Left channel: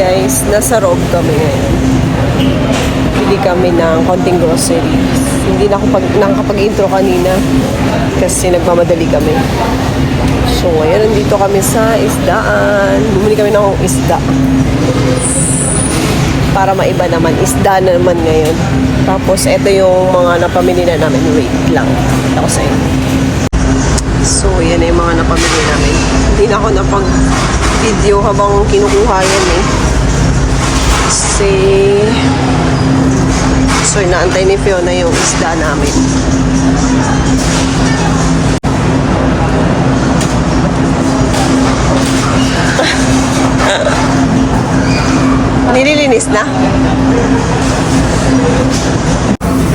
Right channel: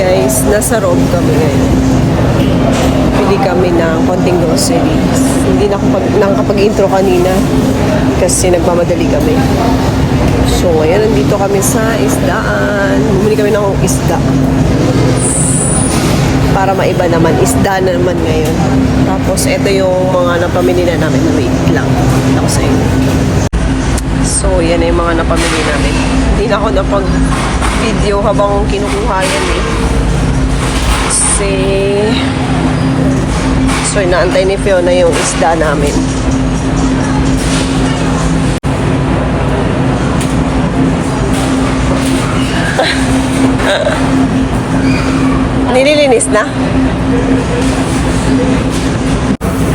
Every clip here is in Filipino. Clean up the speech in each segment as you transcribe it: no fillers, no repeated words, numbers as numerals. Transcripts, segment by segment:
guys, nasa Rob kami ngayon. Pili kami ng konting groceries. Hindi na ako nakakapag-intro kanina kasi nagmamadali kami. So ngayon, nandito kami sa isdaan. Bumili kami ng isda. Para maiba naman, isda na naman ngayon. Tapos, ito yung mga napamili na namin. Wait lang. Ito ko sa inyo. So, yan na yung mga napamili namin. Hindi na ako napag-video habang kinukuha yan eh. Kasi, so, inaantay ni Fiona yung isda namin. Nililinis na?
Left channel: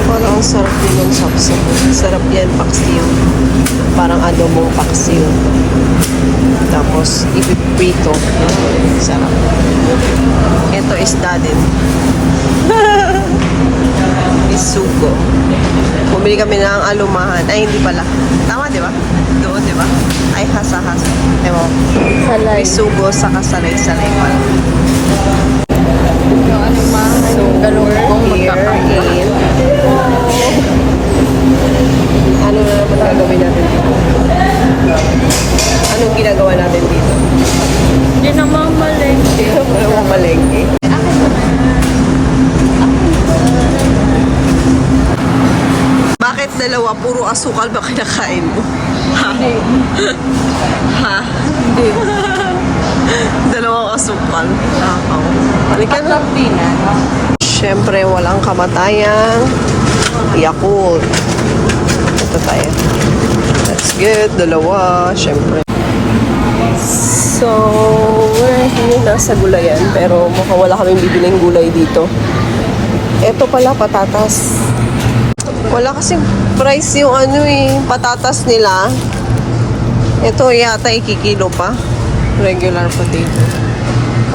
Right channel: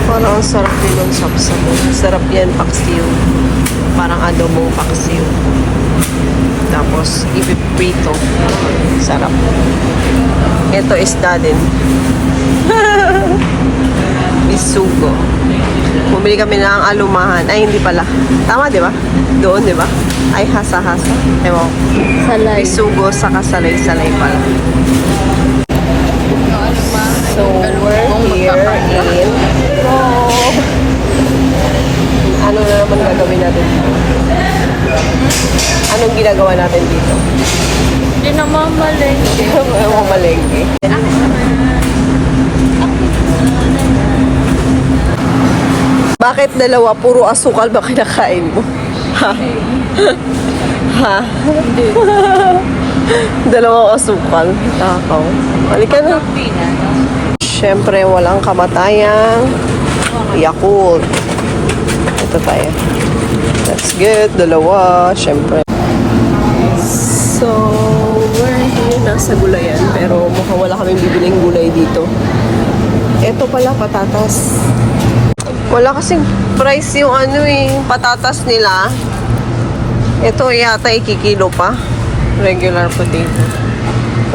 Parang ang sarap din ng sapsap. Sarap yan, paksiw. Parang adobong paksiw. Tapos, ipiprito. Sarap. Ito isda din. Bisugo. Bumili kami ng alumahan. Ay, hindi pala. Tama, di ba? Doon, di ba? Ay, hasa-hasa. Ewan. Bisugo sa kasalay-salay pala. So, we're here in ano na naman gagawin natin dito? Anong ginagawa natin dito? Hindi na mamalengke. Mamalengke. Bakit dalawa? Puro asukal ba kinakain mo? Ha? Ha? Hindi. Dalawang asukal. Takaw. Halika na. Siyempre, walang kamatayang Yakult. Ito tayo. That's good. Dalawa. Siyempre. So, we're here. Nasa gulayan. Pero mukhang wala kaming bibiling gulay dito. Ito pala, patatas. Wala kasing price yung patatas nila. Ito yata ikikilo pa. Regular potato.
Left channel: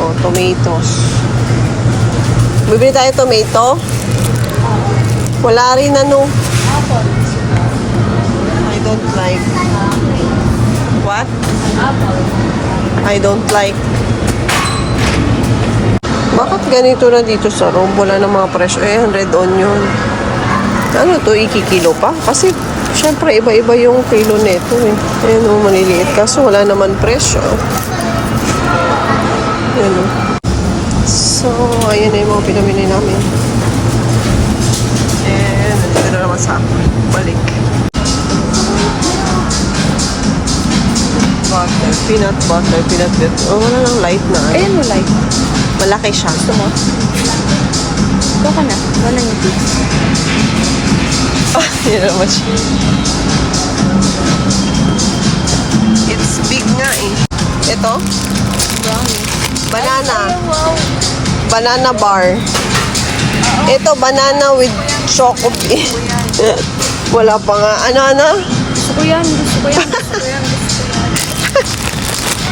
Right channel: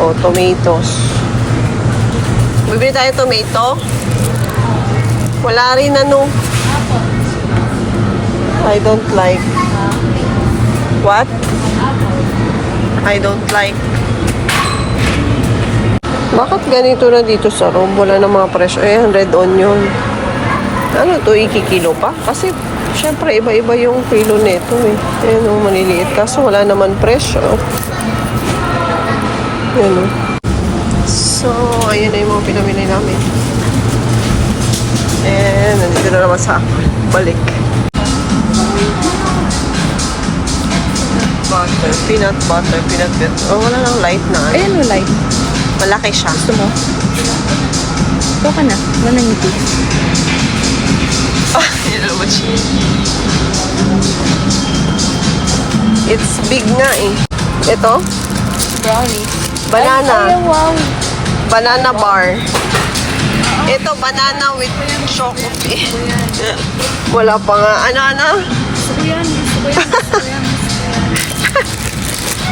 O, tomatoes. Bibili tayo tomato? Wala rin I don't like. What? I don't like. Bakit ganito na dito sa Rome? Wala na mga presyo. Red onion. Ano to? Ikikilo pa? Kasi, syempre, iba-iba yung kilo neto eh. Ayan o, maliliit. Kaso wala naman presyo. Yan o. So, ayan na yung mga pinamili namin. And, nandito na naman sa balik. Butter, peanut butter. Oh, wala lang light na. Ayan mo light. Malaki siya. Ito ka na. Wala yung beef. Ah, yun naman siya. It's big nga eh. Ito? Banana. Banana bar. Ito, banana with chocolate. Wala pa nga. Ano? Gusto ko yan.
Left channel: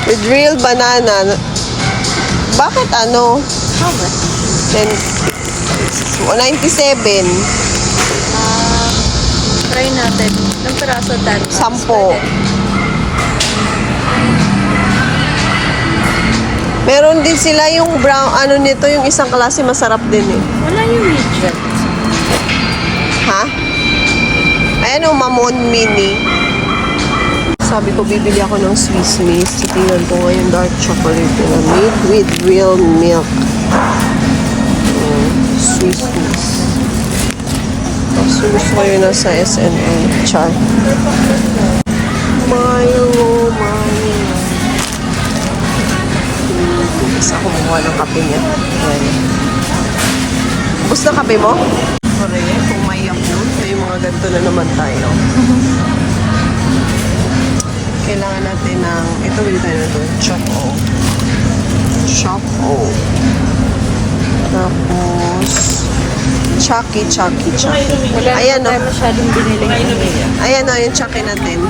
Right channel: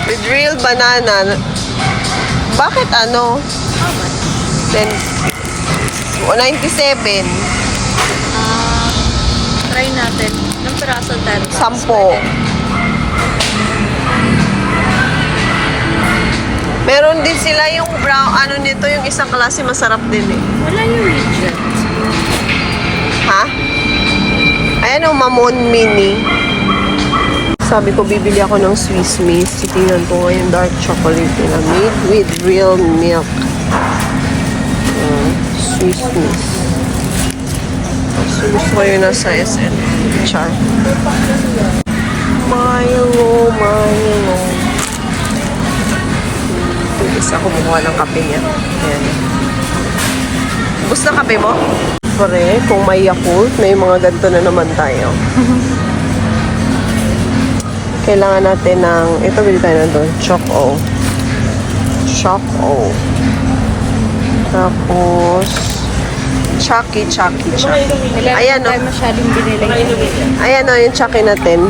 With real banana. Bakit 10, 197. Try natin. Ang piraso tayo. 10. Meron din sila yung brown, nito, yung isang klase masarap din eh. Wala yung midget. Ha? Ayan o, Mamon Mini. Sabi ko, bibili ako ng Swiss Miss. Tingnan ko ngayon dark chocolate nila. Made with real milk. Swiss Miss. So, gusto ko yun nasa SNL. Char. Milo. Isa ako kumuha ng kape niya. Ayan. Gusto kape mo? Pare, kung may Yakult, may mga ganito na naman tayo. Kailangan natin ng, ito bili tayo na doon, Choco. Tapos, Chucky. Ayan o. Ayan o, yung Chucky na 10.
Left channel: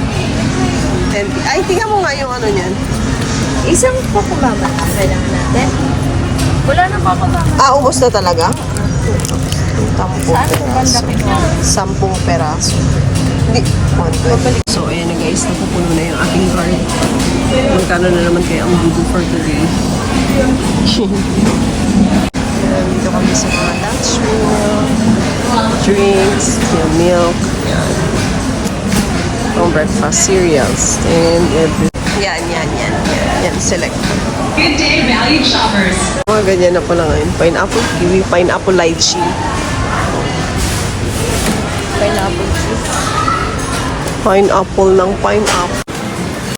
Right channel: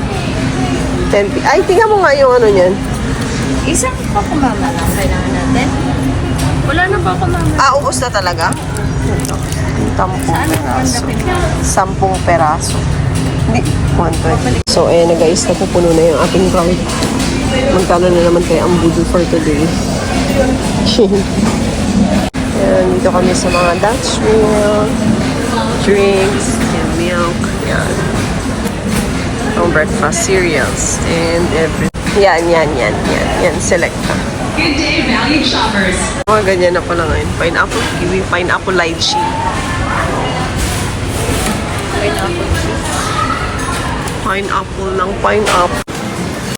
10. Ay, tingnan mo nga yung niyan. Isang pa kumaba. Kailangan natin. Wala na pa kumaba. Ubos na talaga? 10 peraso. 10 peraso. Hindi. 120. So, ayan na guys. Napupuno na yung ating card. Magkano na naman kaya ang Google for today? Ayan, dito kami sa mga Dutch milk, drinks, milk, yan. Ang breakfast cereals, and everything. Yan. Yan, select pa. Good day, valued shoppers. Mga ganyan na pala ngayon. Pineapple kiwi, pineapple lychee. Pineapple ng pineapple.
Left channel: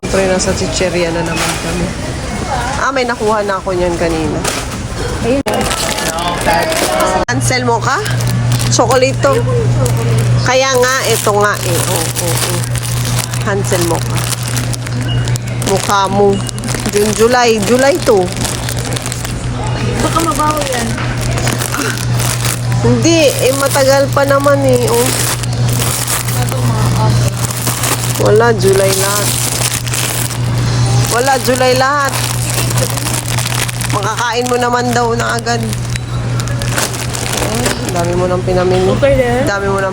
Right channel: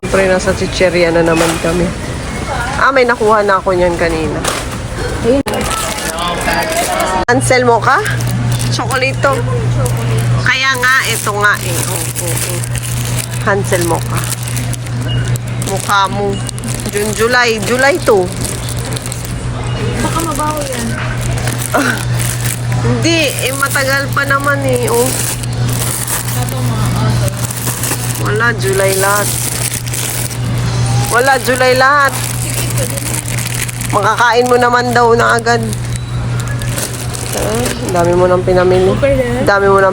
Siyempre, nasa chicheria na naman kami. May nakuha na ako niyan kanina. Ayun. Cancel mo ka? Chocolate. Kaya nga, ito nga eh. Cancel mo ka. Mukha mo. July to. Baka mabaho yan. Hindi, matagal pa naman eh. Oh. Wala, July lahat. Makakain mo naman daw na agad. Dami mo nang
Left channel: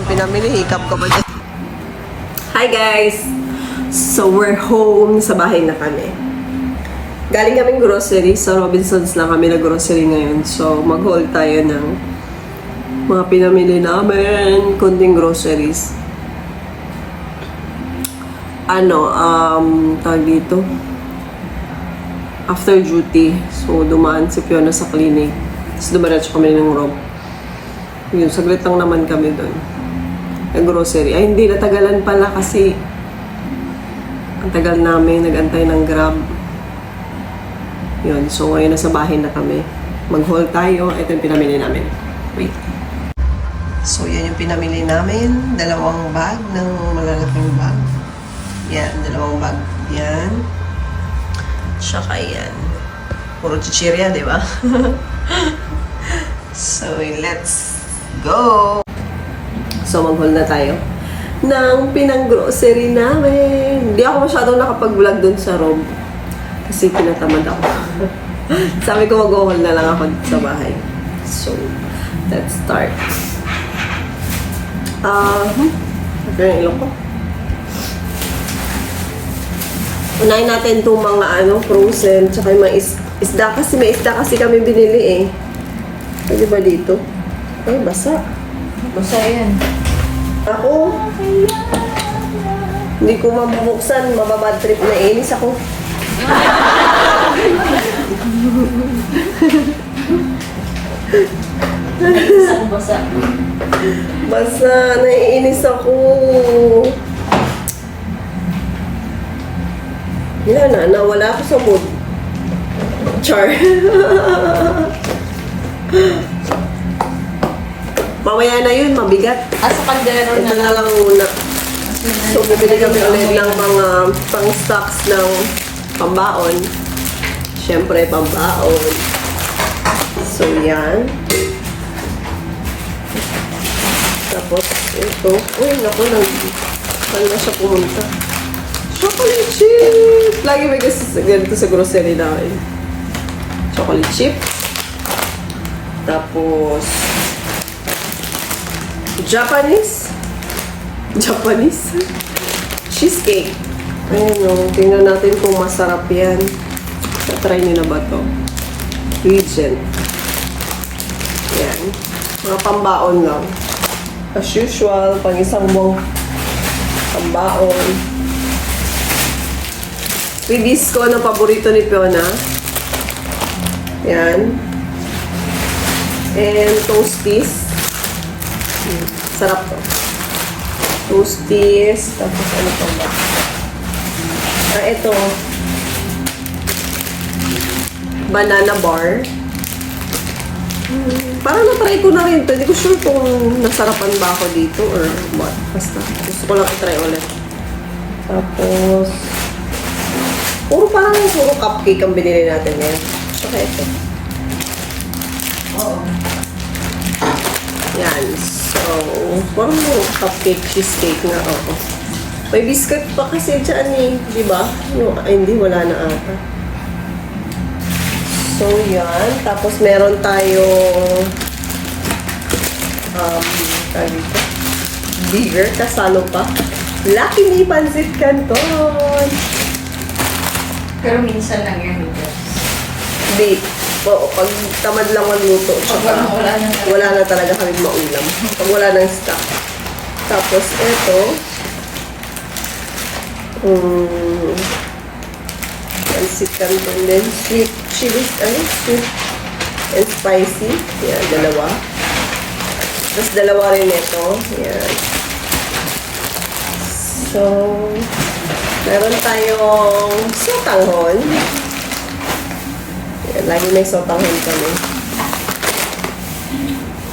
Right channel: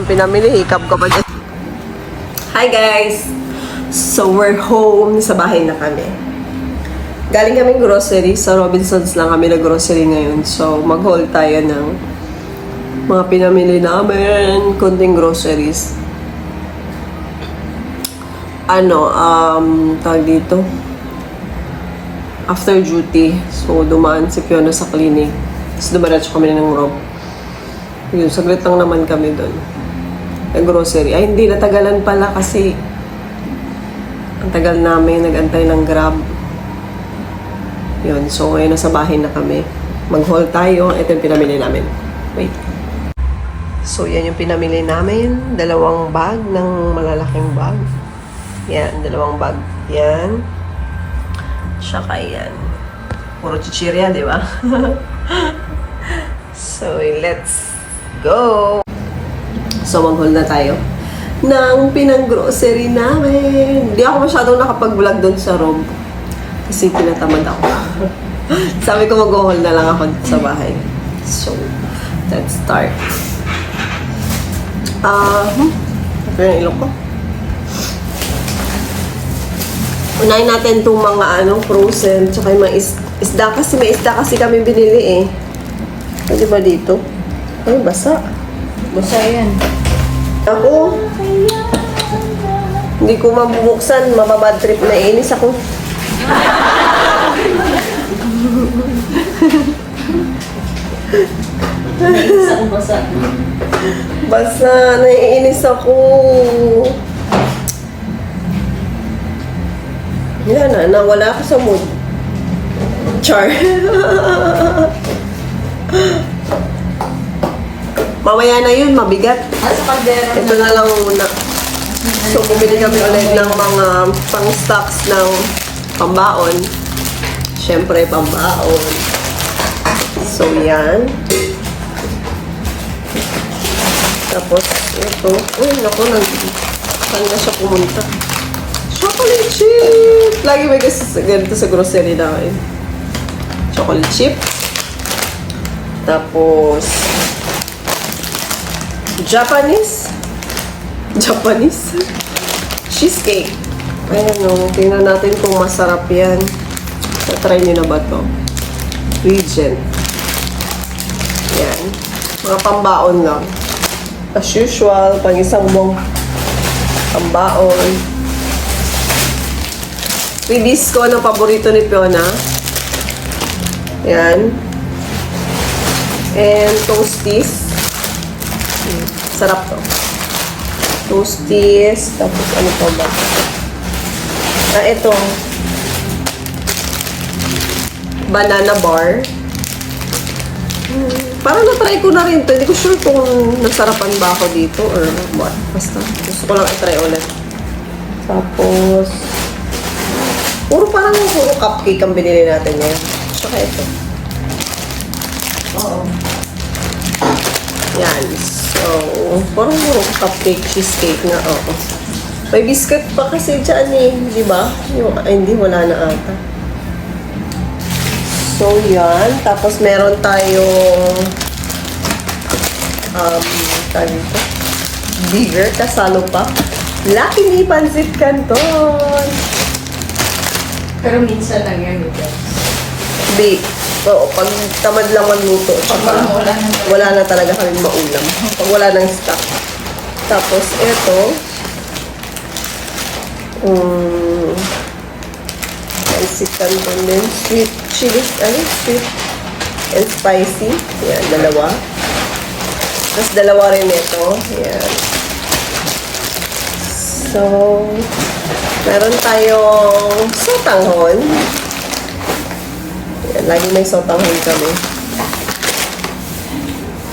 pinamili. Hikap ka pa dyan. Hi guys! So we're home. Sa bahay na kami. Galing kaming grocery. Sa Robinsons lang kami nag-grocery ngayon. So mag-haul tayo ng mga pinamili namin. Kunting groceries. Tawag dito. After duty. So dumaan si Fiona sa clinic. Tapos dumaratso kami ng Rob. Yun, saglit lang naman kami doon. Grocery. Ay, hindi. Natagalan pala kasi ang tagal namin nag-antay ng Grab. Yun. So, ngayon nasa bahay na kami. Mag-haul tayo. Ito yung pinamili namin. Wait. So, yan yung pinamili namin. 2 bag ng malalaking bag. Yan. 2 bag. Yan. Tsaka yan. Puro chichirya, di ba? So, let's go! So, mag-haul na tayo ng pinang-grocery namin. Hindi ako masyadong nakapag-vlog doon sa Rob. Kasi pinatamad ako. Sabi ko mag-haul na lang ako dito sa bahay. So, let's start. Ito yung ilok ko. Unahin natin itong mga frozen, tsaka yung mga isda kasi. May isda kasi kami binili eh. Pwede ba dito? Ay, basa. Basta yan. Ako, hindi ko mabubuksan. Mababad trip na inis ako. Isang basa. Basa, naiinis ako. Yan na, nawala ako sa mood. Char. Mamaya na yun, mabigat. Nasa kaldero Ito na lang muna. So, bumili kami ulit ng mga pang-stocks ng pambaon. Siyempre, pambaon. So, yan. Tapos, ito. Uy, naku, saan na siya pumunta? Chocolate chip! Lagi may ganito sa grocery namin. Chocolate chip. Tapos, Japanese cheesecake. Ayun o, tingnan natin kung masarap yan. Try nyo na ba to? Regent. Yan. Mga pambaon lang. As usual, pag isang mong pambaon. Ribisco na paborito ni Fiona. Yan. And toasties. Sarap to. Toasties. Tapos ano pa ba? Ito. Banana bar. Parang na-try ko na rin to. Hindi ko sure kung nasarapan ba ako dito or what. Basta. Gusto ko lang i-try ulit. Tapos, puro cupcake ang binili natin ngayon. Saka ito. Oo. Yan. So, parang cupcake, cheesecake na. Oo. May biscuit pa kasi dyan eh. Di ba? Hindi, wala na ata. So, yan. Tapos, meron tayo tayo dito. Bigger. Kasalo pa. Lucky Me Pancit Canton. Pero minsan lang yan, noodles. Date. Oo, pag tamad lang magluto, tsaka wala na talaga kaming maulam. Pag wala nang stock. Tapos, ito, pancit canton din. Sweet chili, sweet and spicy. Yan, dalawa. Tapos, dalawa rin ito. Yan. So, meron tayong sotanghon. Yan, lagi may sotanghon kami.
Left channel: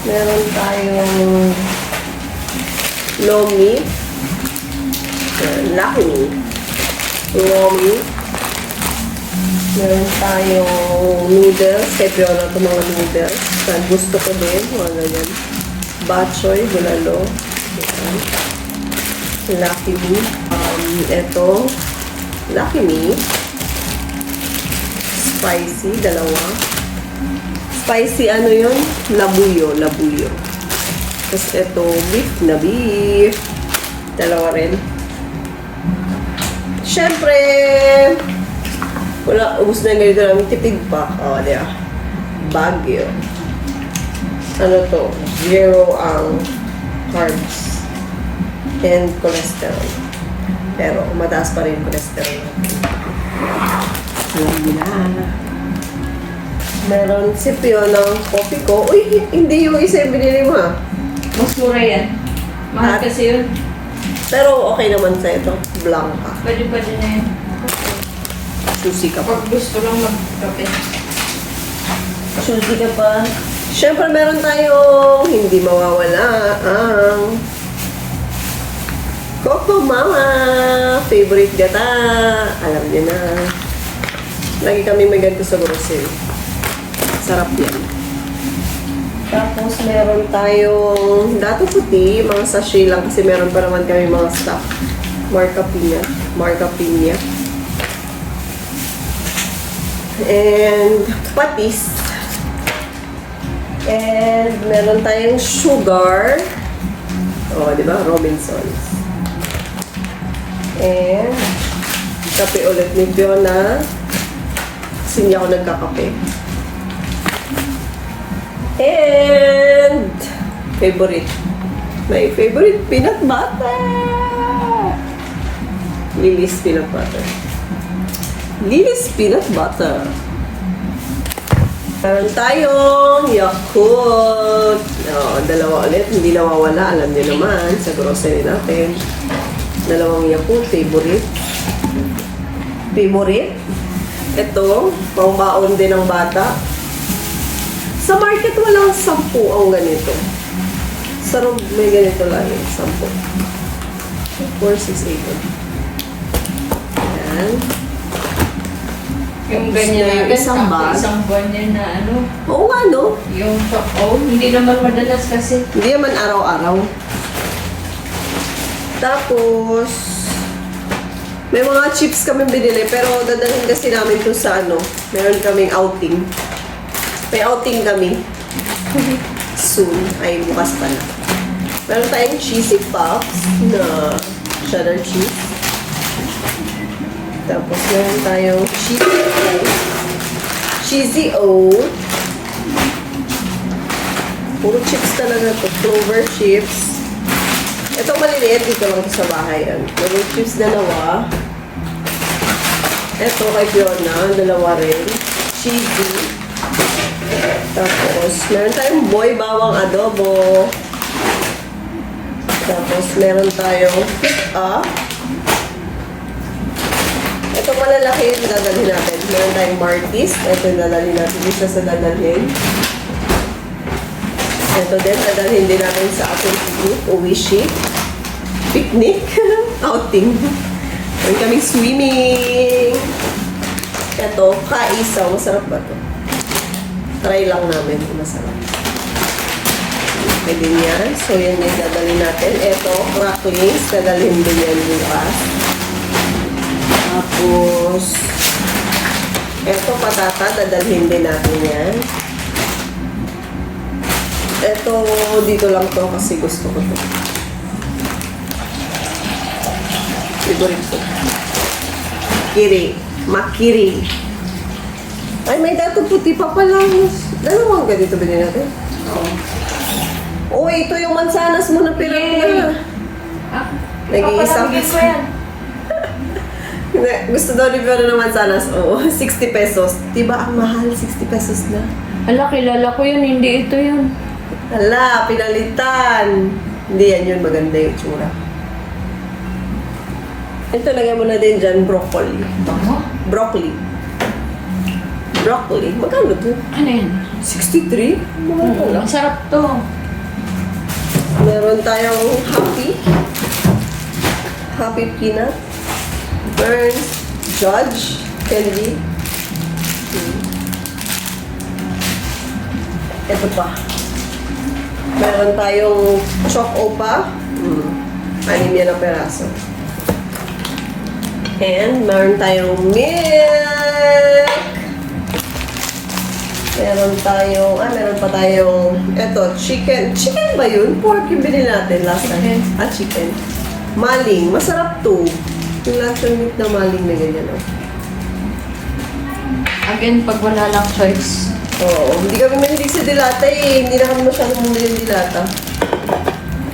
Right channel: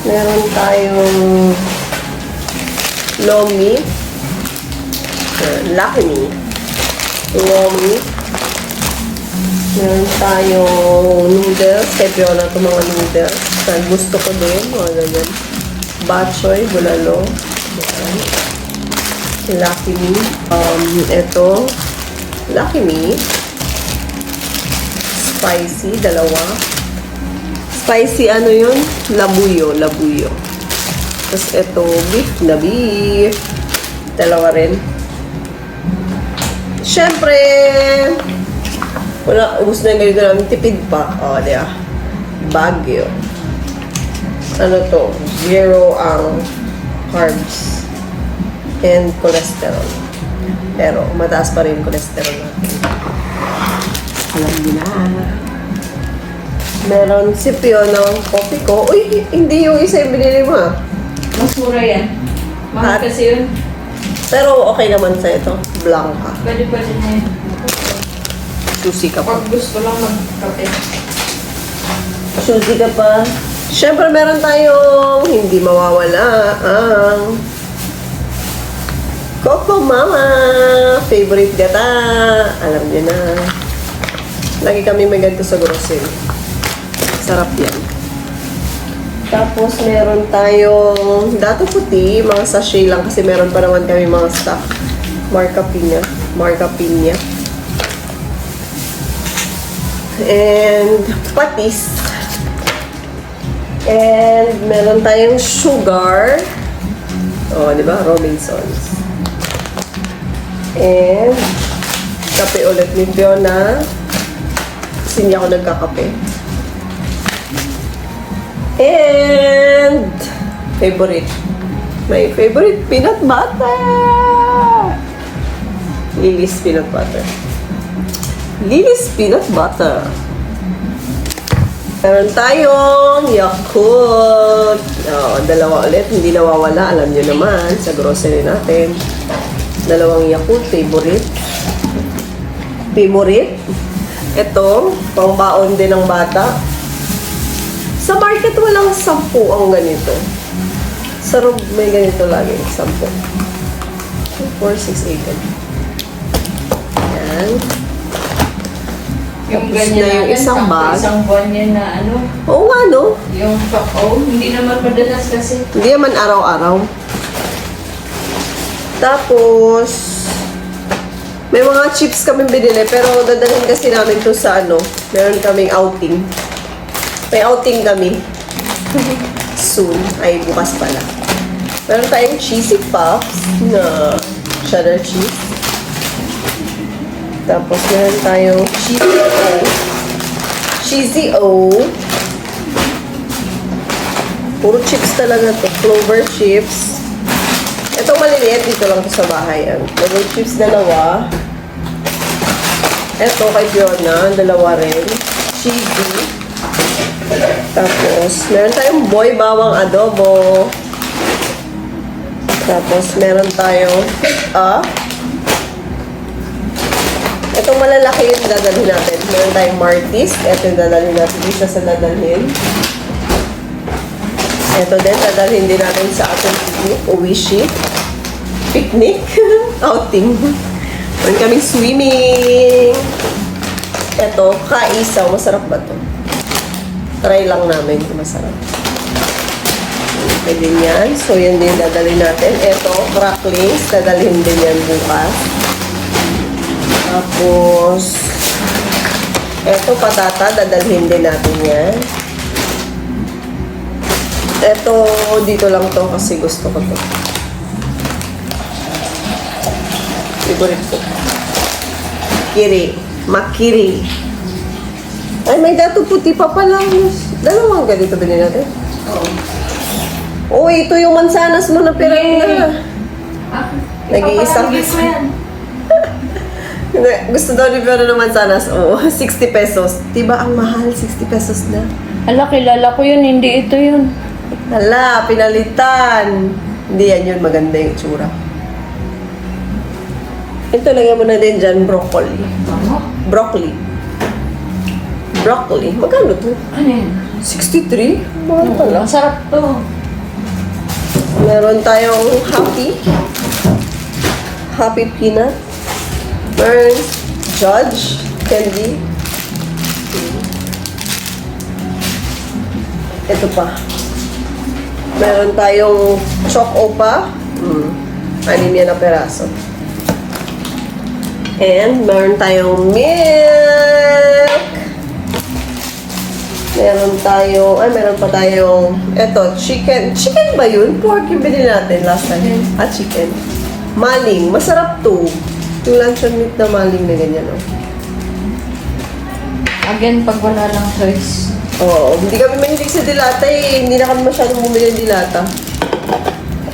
Meron tayong lomi. Yan, Lucky Me. Lomi. Meron tayong noodles. Pwede ko lang itong mga noodles. Gusto ko din. Mga ganyan. Batchoy, bulalo. Yan. Lucky Me. Ito. Lucky Me. Spicy, dalawa. Spicy, ano yun? Labuyo. Tapos ito, beef na beef. Dalawa rin. Siyempre, wala, ubus na yung ganito namin, tipid pa. O, diya. Baguio. Ano to? 0 ang carbs and cholesterol. Pero, mataas pa rin yung cholesterol natin. Alam niyo na. Meron si ng coffee ko. Uy, hindi yung isa yung binili mo ha. Mas mura yan. Mahal Hat? kasi yun. Pero okay naman sa ito. Blanca. Pwede na yun. Susi ka pa. Pag gusto lang mag-kape. Susi ka pa. Siyempre meron tayong hindi mawawala ang Coco Mama. Favorite gata. Alam niyo na. Lagi kami may ganito sa grocery. Sarap yan. Tapos meron tayong dato puti, mga sachet lang kasi meron pa naman kami mga stock. Marca Piña. And patis. And meron tayong sugar. Oh, di ba? Robinsons. And kape ulit ni Fiona. Kasi hindi ako nagkakape. And favorite. My favorite peanut butter. Lily's peanut butter. Meron tayong Yakult. Oh, dalawa ulit. Hindi nawawala. Alam niyo naman sa grocery natin. Dalawang Yakult. Favorite. Ito, pangbaon din ng bata. Sa market, walang 10 ang ganito. Sa Rob, may ganito lagi. 10. 4, 6, 8. Ayan. Yung Tapos ganyan na yung natin, isang bag. isang buwan yan na ano, Oo nga, no? yung choco, hindi naman madalas kasi. Hindi naman araw-araw. Tapos, may mga chips kami binili, pero dadalhin kasi namin to sa ano, meron kaming outing. May outing kami. Soon. Ay, bukas pala. Meron tayong cheesy puffs na cheddar cheese. Tapos meron tayong cheesy O. Puro chips talaga to. Clover chips. Ito maliliit. Dito lang to sa bahay. Clover chips, dalawa. Ito kay Fiona. Dalawa rin. Cheesy. Tapos, meron tayong boy bawang adobo. Tapos, meron tayong itong malalaki yung dadalhin natin. Meron tayong Martis. Ito yung dadalhin natin. Isa sa dadalhin. Ito din, dadalhin din natin sa ating picnic. Uwishi. Picnic. Outing. Meron kaming swimming. Ito, kaisaw. Masarap ba ito? Try lang namin kung masarap. Pwede yan. So, yan din dadalhin natin. Ito, cracklings. Dadalhin din yan bukas. Tapos, ito, patata. Dadalhin din natin yan. Ito, dito lang to kasi gusto ko to. Favorite ko. Kiri. Makiri. Ay, may dato puti pa pala. Dalawang ganito ba natin? Oo. Ito yung mansanas mo na pirang na. Nag-iisa. Gusto daw ni Pero ng mansanas. Oo, 60 pesos. Diba ang mahal? 60 pesos na. Ala, kilala ko yun. Hindi ito yun. Hala, pinalitan. Hindi yan yun. Maganda yung tsura. Ito, lagyan mo na din dyan, broccoli. Broccoli. Broccoli. Magkano to? Ano yan? 63? Mahal pala. Ang sarap to. Meron tayong Happy Peanut. Meron Judge Candy. Ito pa. Meron tayong Choc Opa. 6 yan na peraso. And meron tayong milk. Meron pa tayong, eto, chicken. Chicken ba yun? Pork yung binili natin last time. Chicken. Maling. Masarap to. Yung luncheon meat na maling na ganyan, oh. Again, pag wala lang choice. Oo. Hindi kami mahilig sa dilata eh. Hindi na kami masyadong bumili ng dilata.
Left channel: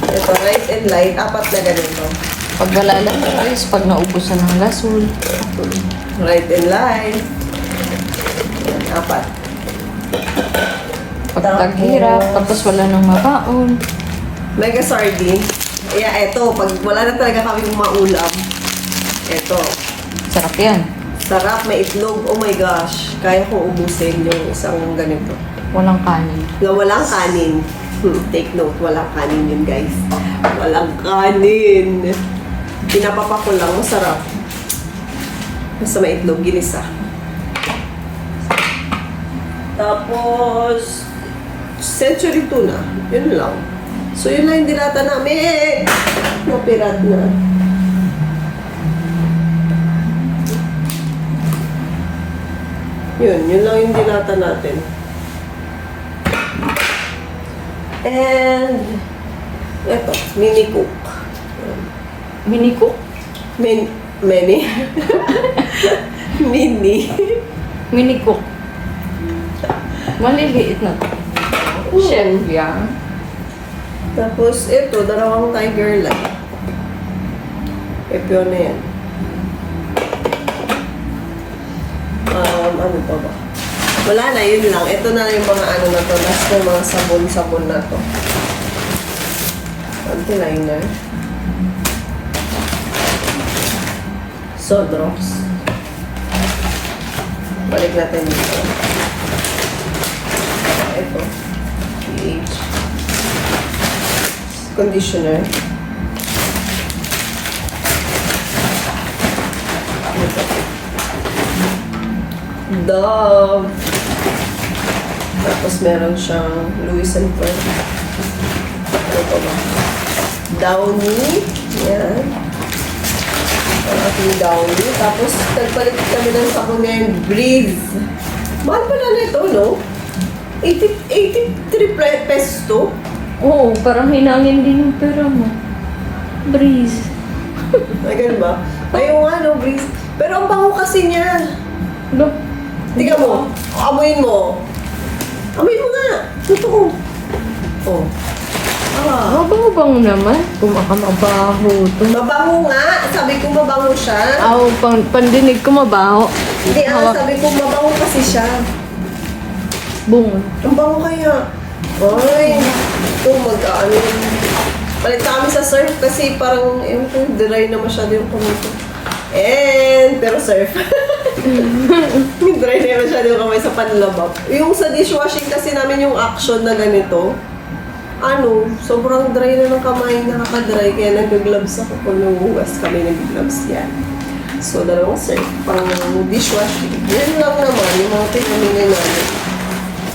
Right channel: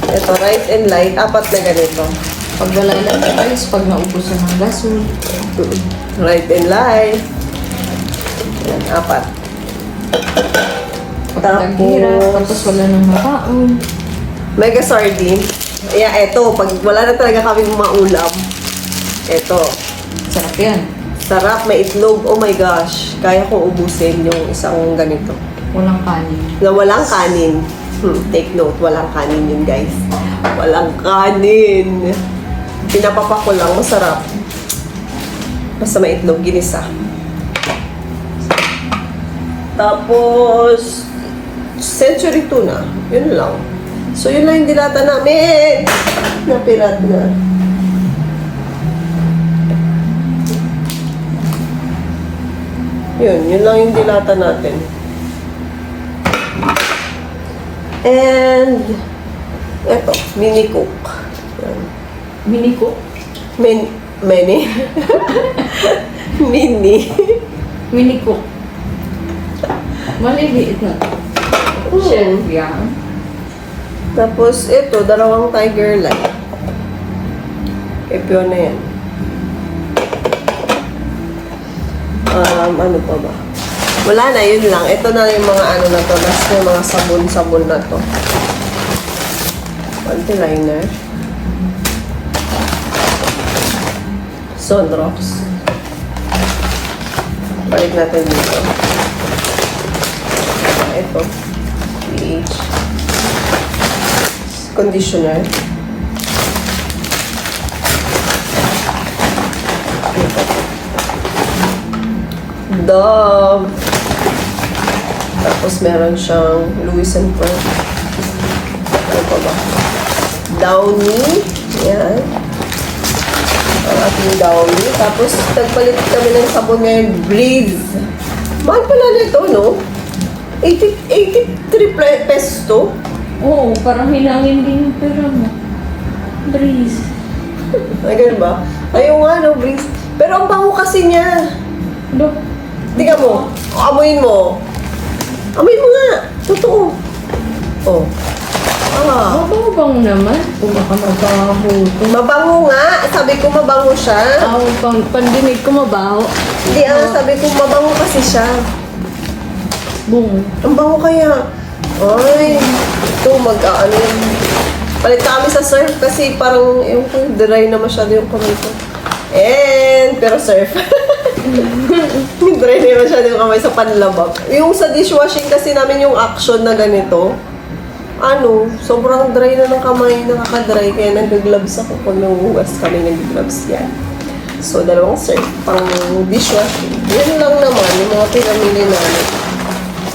Ito, right and light. 4 na ganito. Pag wala lang choice, pag naubusan ng gasol. Right and light. Yan, 4. Pag taghirap, tapos wala nang makaon. Mega sardine. Yeah, eto. Pag wala na talaga kami maulam. Eto. Sarap yan. Sarap, may itlog. Oh my gosh. Kaya kong ubusin yung isang ganito. Walang kanin. Na walang kanin. Take note, walang kanin yun, guys. Walang kanin. Pinapapa ko lang, masarap. Basta may itlog, ginisa. Tapos, century tuna. Yun lang. So, yun lang yung dilata namin. Napirat na. Yun lang yung dilata natin. And, eto, mini cook. Yan. Mini ko. Many. Mini. Mini ko. Maliliit na. Shelf yan. Tapos, ito, 2 tiger lang. Ito na yan. Ano to ba? Wala na, yun lang. Ito na yung mga ano na to. Last na yung mga sabon-sabon na to. Panty liner. Sondrops. Balik natin dito. Ito. pH. Conditioner. Dove. Tapos meron siyang Louis & Co. Ano pa ba? Downy. Yan. Ang ating Downy. Tapos nagpalit kami ng sabon ngayon. Breeze. Mahal pala na ito, no? 83 pesos to. Oo, parang hinangin din yung pera mo. Breeze. Ay, ganun ba? Ayun nga, no, Breeze. Pero ang bango kasi niya. Look. Tingnan mo. Amoyin mo. Amoyin mo nga. Totoo. Oh. Mabango-bango naman. Mabango. Mabango nga. Sabi ko mabango siya. Oo, pandinig ko mabango. Hindi sabi ko mabango kasi siya. Bungo. Ang bango kaya. Ay, ito mag-ano. Palit kami sa surf kasi parang yung dry na masyado yung kamay ko. Pero surf. Dry na masyado yung kamay sa panlabak. Yung sa dishwashing kasi namin yung action na ganito, sobrang dry na ng kamay, nakaka-dry, kaya nag-gloves ako kung nanguhugas kami nag-gloves yan. So, 2 surf, pang dishwashing. Yun lang naman, yung mga pinamili namin.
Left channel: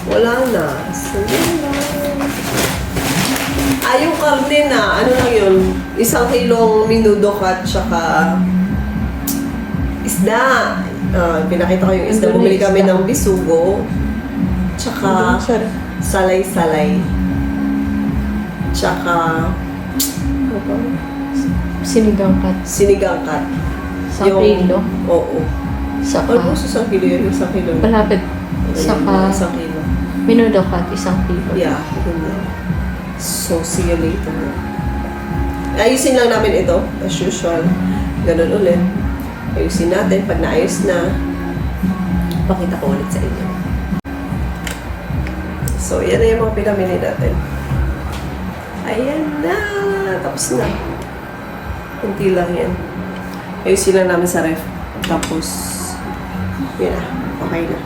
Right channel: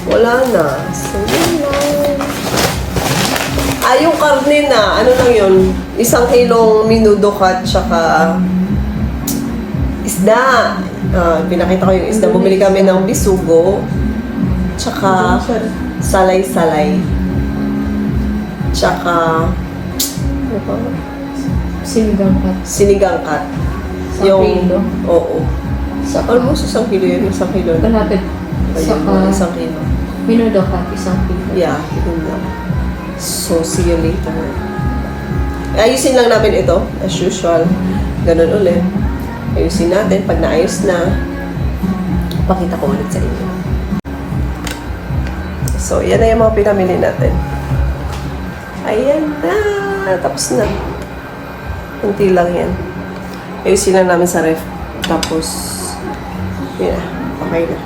Wala na. So, yun lang. Yung karne na, ano lang yun, 1 kilong minudo cut, tsaka isda. Pinakita ko yung isda. Bumili kami ng bisugo, tsaka salay-salay. Tsaka, ano pa? Sinigang cut. Sinigang cut. Isang kilo? Oo. Saka, Almost 1 kilo yun. 1 kilo na. kalapit. Saka, 1 kilo. minudo cut, 1 kilo. Yeah, yun lang. So, see you later. Ayusin lang namin ito, as usual. Ganun ulit. Ayusin natin. Pag naayos na, pakita ko ulit sa inyo. So, yan na yung mga pinamili natin. Ayan na! Tapos na. Kunti lang yan. Ayusin lang namin sa ref. Tapos, yeah, okay na.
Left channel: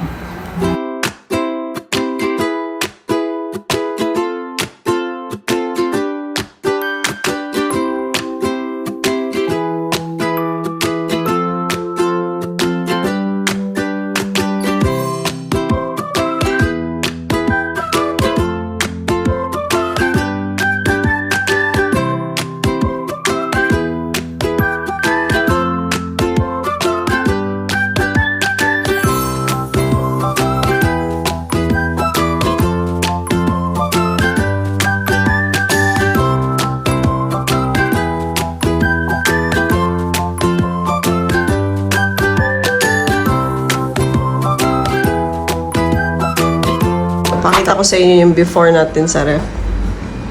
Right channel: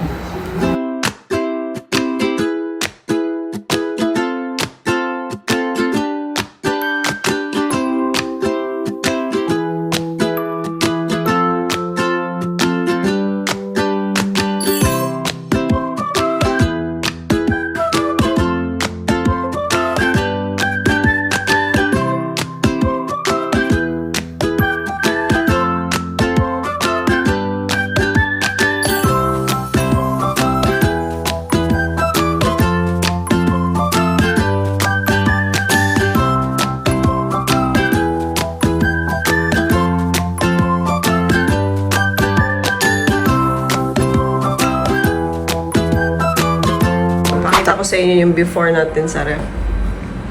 Pakita ko sa inyo yung before natin sa ref.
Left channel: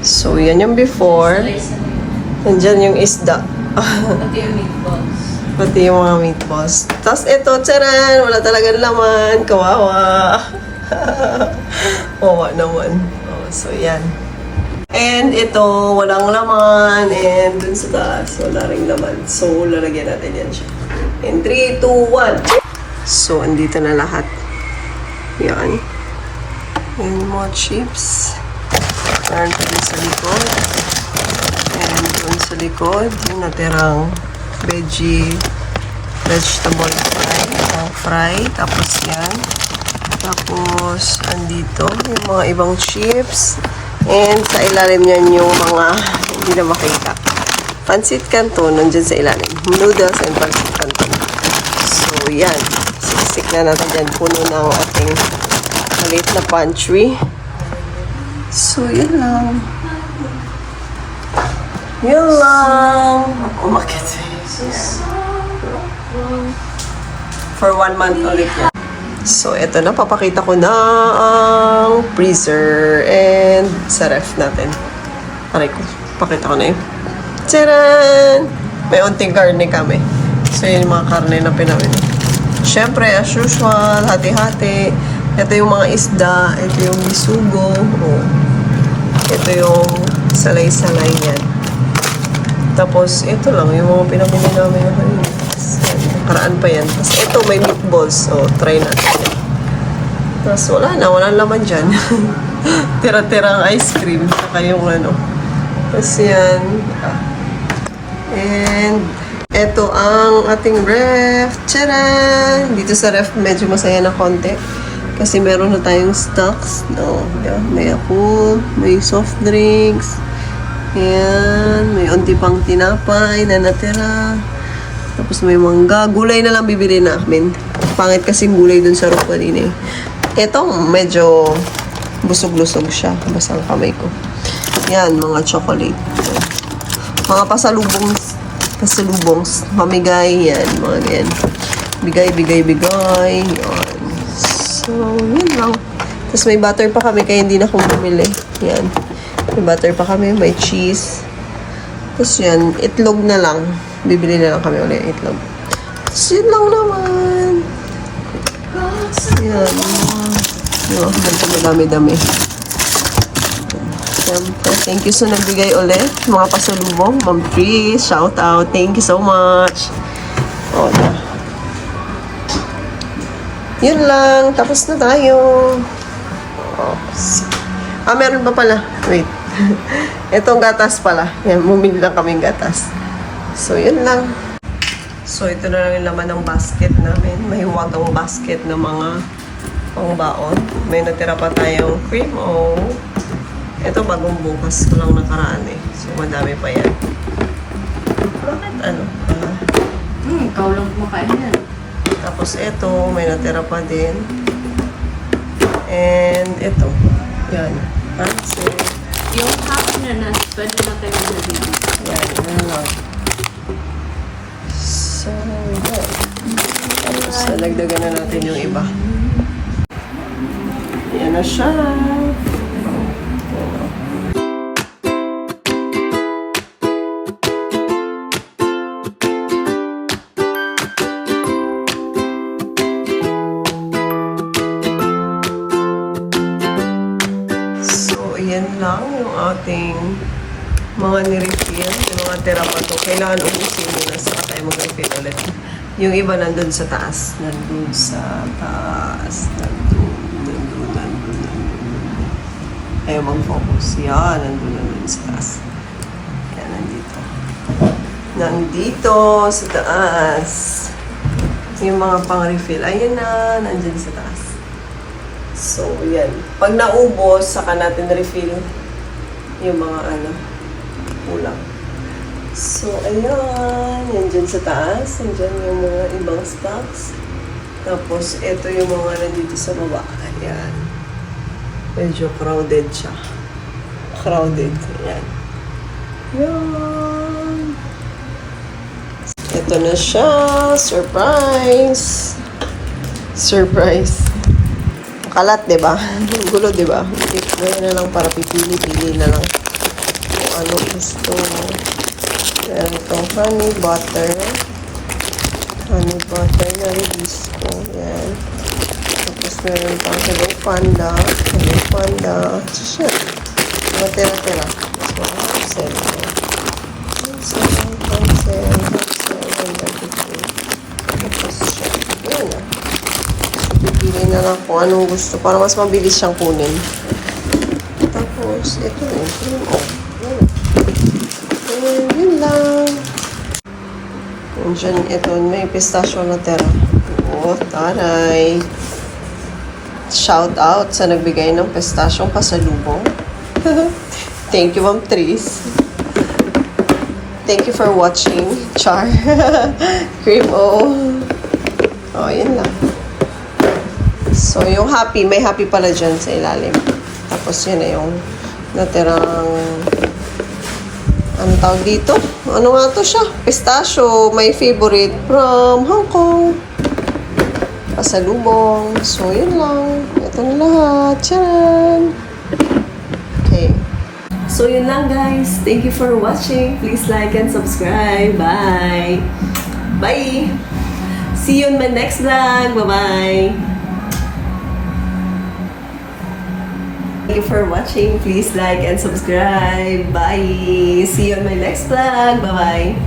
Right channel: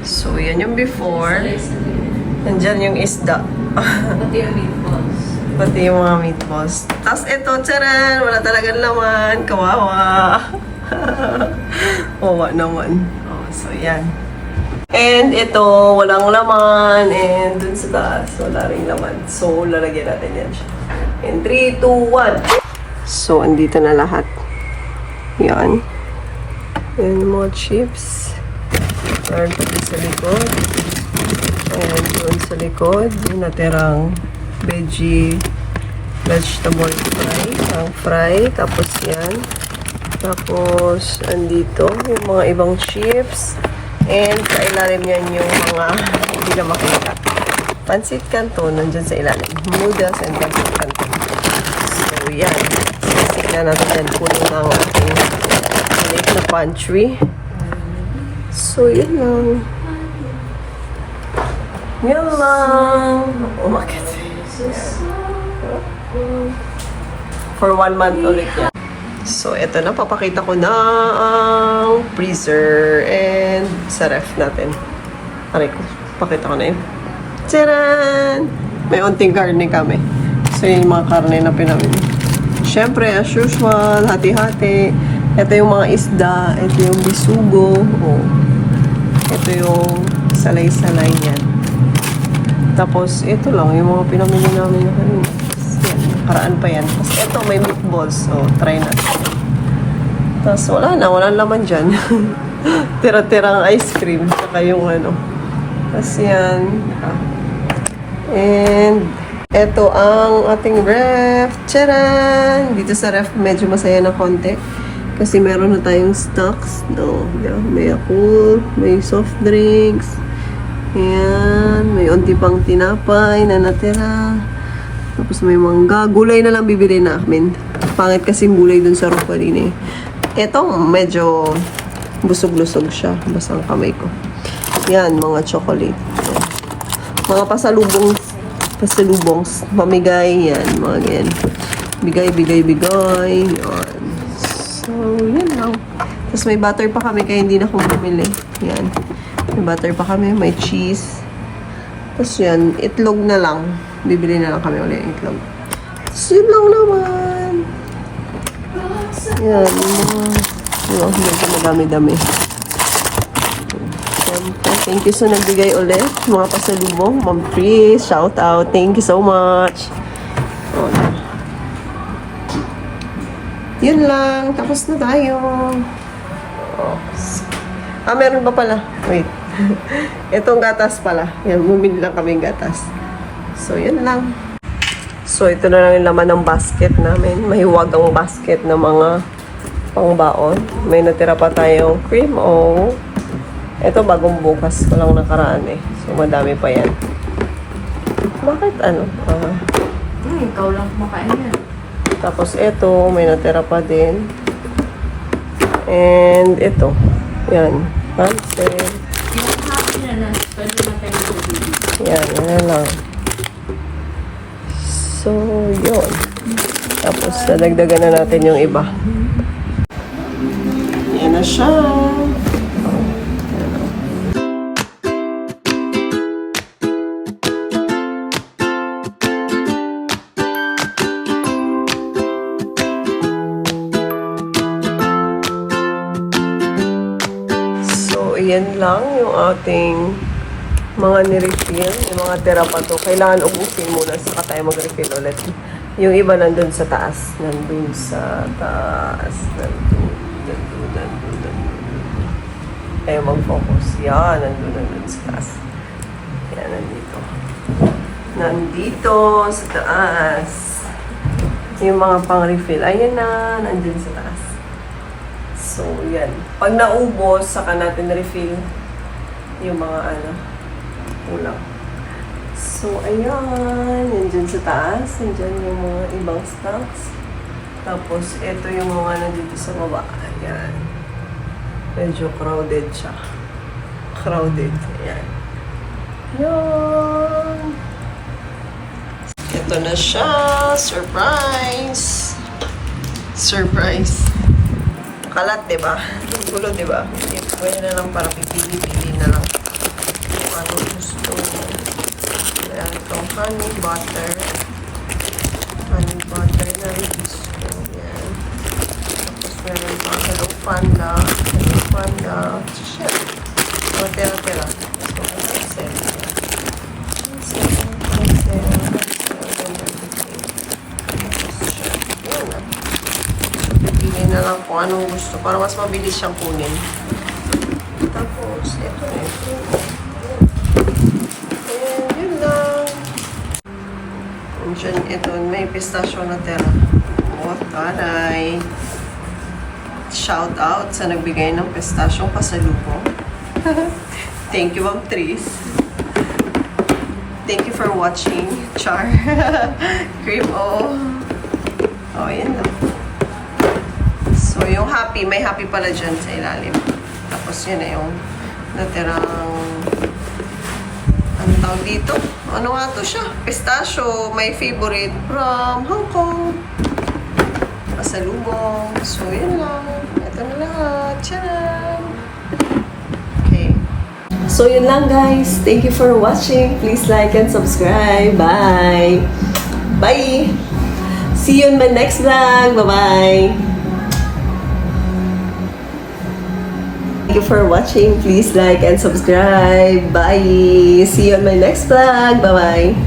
So, yan yung before. Nandyan yung isda. Pati yung meatballs. Pati yung mga meatballs. Tapos ito, tsaran! Wala talagang laman. Kawawa. Kawawa naman. Oh, so, yan. And ito, walang laman. And dun sa taas, wala ring laman. So, lalagyan natin yan siya. And 3, 2, 1. So, andito na lahat. Yan. Yan yung mga chips. Meron pa din sa likod. And doon sa likod, yung natirang vegetable fry. Ang fry. Tapos yan. Tapos, andito, yung mga ibang chips. And sa ilalim yan yung mga hindi na makita. Pancit canton, nandyan sa ilalim. Noodles and pancit canton. So, yan. Sisik na natin dyan. Puno ng ating maliit na pantry. So, yun lang. Yun lang. Umakit. For 1 month ulit yan. So, eto na. Papakita ko na ang freezer and sa ref natin. Aray ko. Pakita ko na yun. Tcharan! May unting karne kami. So, yun yung mga karne na pinamili. Siyempre, as usual, hati-hati. Ito yung mga isda. Ito yung bisugo. Oh. Ito yung salay-salay yan. Tapos, ito lang yung mga pinamili namin na kanina. Yan, nakaraan pa yan. Tapos, ito may meatballs. So, try natin yan. Tapos, wala na. Walang laman dyan. Tira-tirang ice cream. Saka yung ano. Tapos, yan. And, ito ang ating ref. Tcharan! Dito sa ref, medyo masaya na konti. Kasi meron na tayong stocks. No, yeah, may Yakult, may soft drinks. Ayan, may unti pang tinapay na natira. Tapos may mangga. Gulay na lang bibili namin. Pangit kasing gulay dun sa roof kanina eh. Ito, medyo busog-lusog siya. Basang kamay ko. Yan, mga chocolate. Mga pasalubong, mamigay, yan, mga ganyan. Bigay. Yan. So, yan lang. Tapos may butter pa kami, kaya hindi na akong bumili. Yan. May butter pa kami, may cheese. Tapos yan, itlog na lang. Bibili na lang kami ulit itlog. Tapos yun lang naman. Yan, yung mga madami-dami. Siyempre, thank you sa nagbigay ulit. Mga pasalubong. Ma'am Tris, shout out. Thank you so much. O, na. Yun lang. Tapos na tayo. Oh, meron pa pala. Wait. Itong gatas pala. Yan, bumili lang kaming gatas. So, yun lang. So, ito na lang yung laman ng basket namin. Mahiwag ang basket ng mga pangbaon. May natira pa tayong cream o ito bagong bukas ko lang nakaraan eh. So, madami pa yan. Bakit ano? Ikaw lang kumakain yan. Tapos ito, may natira pa din. And ito. Yan. Pancit. Yung kumakain na pwede natin na dito. Yan lang. Dadagdagan na natin yung iba. Yan na siya. Yan o. So, ayan lang yung ating mga nirefill. Yung mga tira pa to. Kailangan ubusin muna saka tayo mag-refill ulit. Yung iba nandun sa taas. Nandun sa taas. Nandun. Ayaw mag-focus. Yan, nandun sa taas. Yan, nandito. Nandito sa taas. Yung mga pang-refill. Ayan na, nandun sa taas. So, yan. Pag naubos, saka natin refill yung mga kulang. So, ayan. Yan dyan sa taas. Yan dyan yung mga ibang stocks. Tapos, ito yung mga nandito sa baba. Ayan. Medyo crowded siya. Crowded. Ayan. Yan. Ito na siya. Surprise! Surprise! Kalat, diba? Gulo, diba? Pipili na lang para pipili na lang kung ano gusto. Ayan, itong honey butter. Honey butter na release ko. Ayan. Tapos meron pang Hello Panda. Hello Panda. Shit. Matira-tira. Tapos mga sale. Pipili na lang kung anong gusto para mas mabilis siyang kunin. Tapos, ito na yung and yun lang. Kung dyan, ito, may pistachio na tira. Oh, taray. Shout out sa nagbigay ng pistasyong pasalubong. Thank you, Ma'am Tris. Thank you for watching. Char. Cream O. Oh, yun lang. So, yung happy, may happy pala dyan sa ilalim. Tapos yun na yung natirang, ano tawag dito? Ano nga to siya? Pistachio, my favorite from Hong Kong. Pasalubong. So, yun lang. Ito na lahat. Tcharan! Okay. So, yun lang guys. Thank you for watching. Please like and subscribe. Bye! Bye! See you in my next vlog. Bye-bye! Thank you for watching. Please like and subscribe. Bye. See you on my next vlog. Bye-bye.